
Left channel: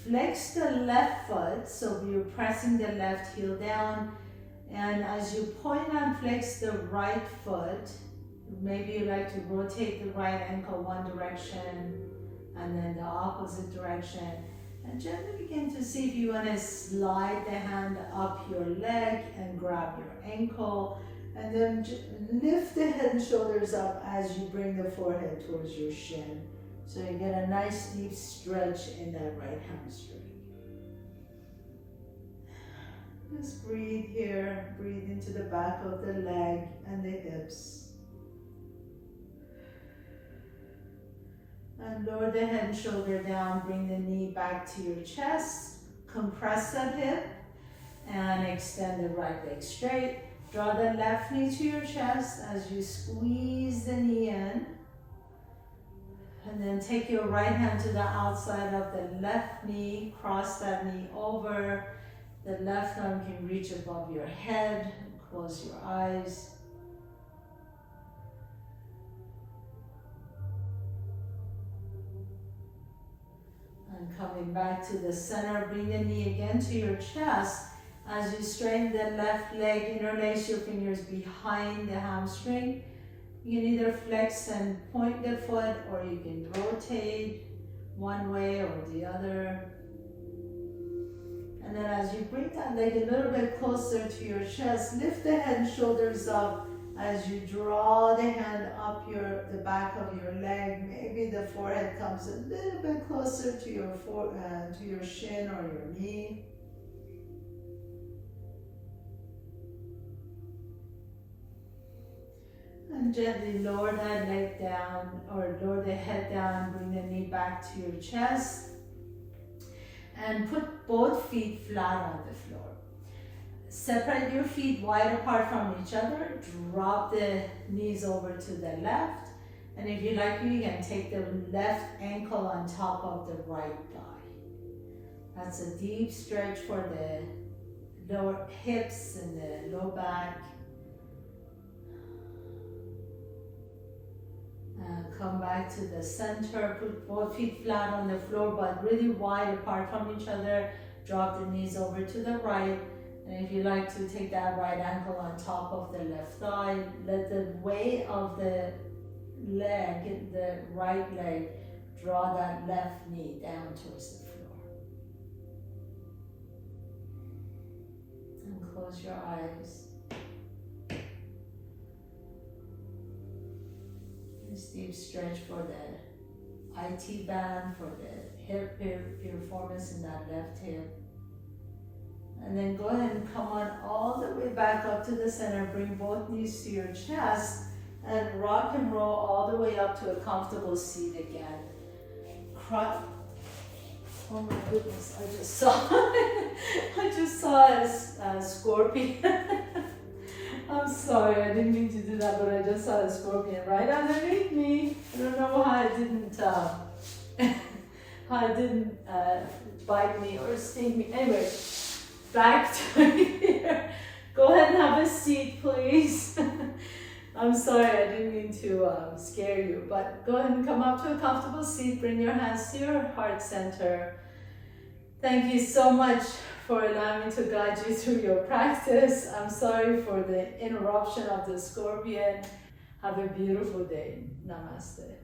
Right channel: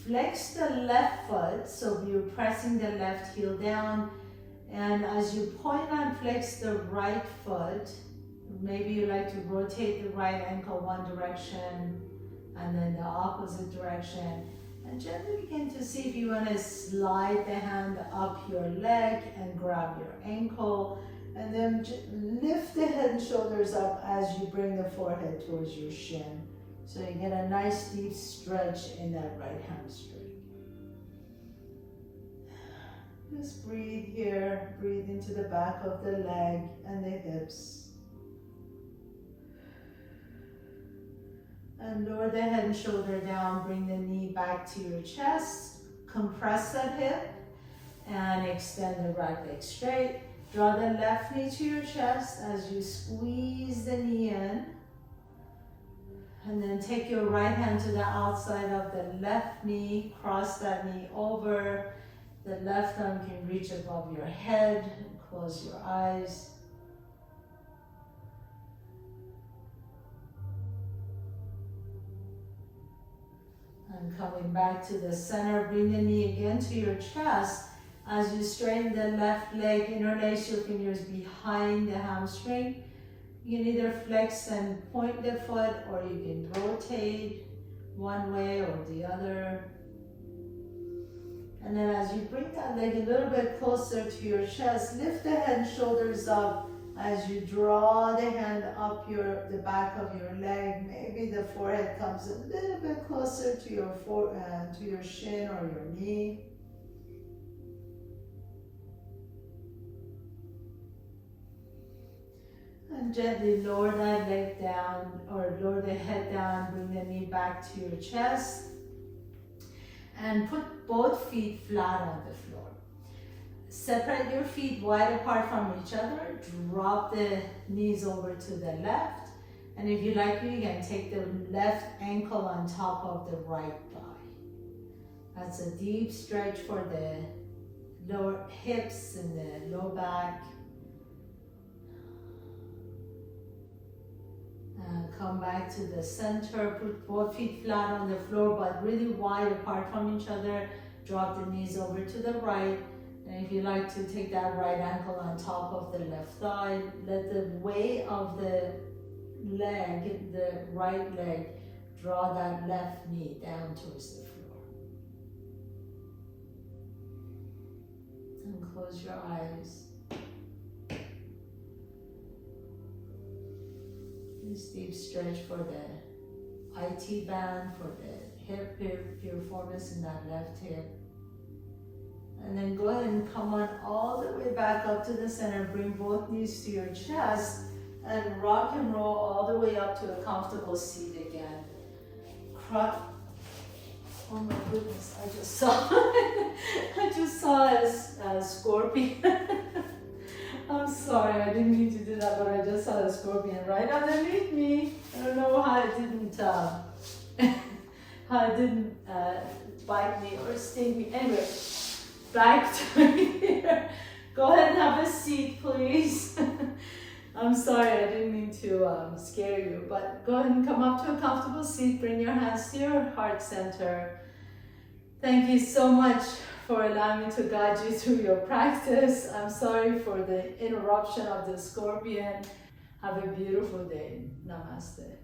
Flex the left foot, so you're pressing the left heel down. And as you point and flex the right foot, maybe you like to rotate the right ankle one direction and then the opposite direction. And gently begin to see if you want to slide the hand up your leg and grab your ankle. And then lift the head and shoulders up as you bring the forehead towards your shin. So you get a nice deep stretch in that right hamstring. Just breathe here. Breathe into the back of the leg and the hips. And lower the head and shoulder down. Bring the knee back to your chest. Compress that hip. And extend the right leg straight. Draw the left knee to your chest as you squeeze the knee in. And then take your right hand to the outside of the left knee. Cross that knee over. The left arm can reach above your head. Close your eyes. And coming back to the center, bring the knee again to your chest. As you straighten the left leg, interlace your fingers behind the hamstring. You can either flex and point the foot, or you can rotate one way or the other. And then as you bring that leg a little bit closer to your chest, lift the head and shoulders up as you draw the hand up the back of your leg. Maybe the forehead comes a little bit closer to your shin or your knee. And gently lower that leg down, or lower the head down, bring the knee back to your chest. And put both feet flat on the floor. Separate your feet wide apart from each other. Drop the knees over to the left. And if you like, you can take the left ankle on top of the right thigh. That's a deep stretch for the lower hips and the low back. Come back to the center, put both feet flat on the floor but really wide apart from each other. Drop the knees over to the right. And if you like to, take that right ankle on top of the left thigh. Let the weight of the leg, the right leg, draw that left knee down towards the floor. And close your eyes. This deep stretch for the IT band, for the hip piriformis in that left hip. And then go ahead and come on all the way back up to the center. Bring both knees to your chest and rock and roll all the way up to a comfortable seat again. Oh my goodness, I just saw a scorpion. I'm sorry, I didn't mean to do that, but I just saw a scorpion right underneath me. I don't know how it didn't bite me or sting me. Anyway, back to here. Go ahead and have a seat, please. I'm sorry, I didn't mean to scare you, but go ahead and come up to a comfortable seat. Bring your hands to your heart center. Thank you so much for allowing me to guide you through your practice. I'm sorry for the interruption of the scorpion. Have a beautiful day. Namaste.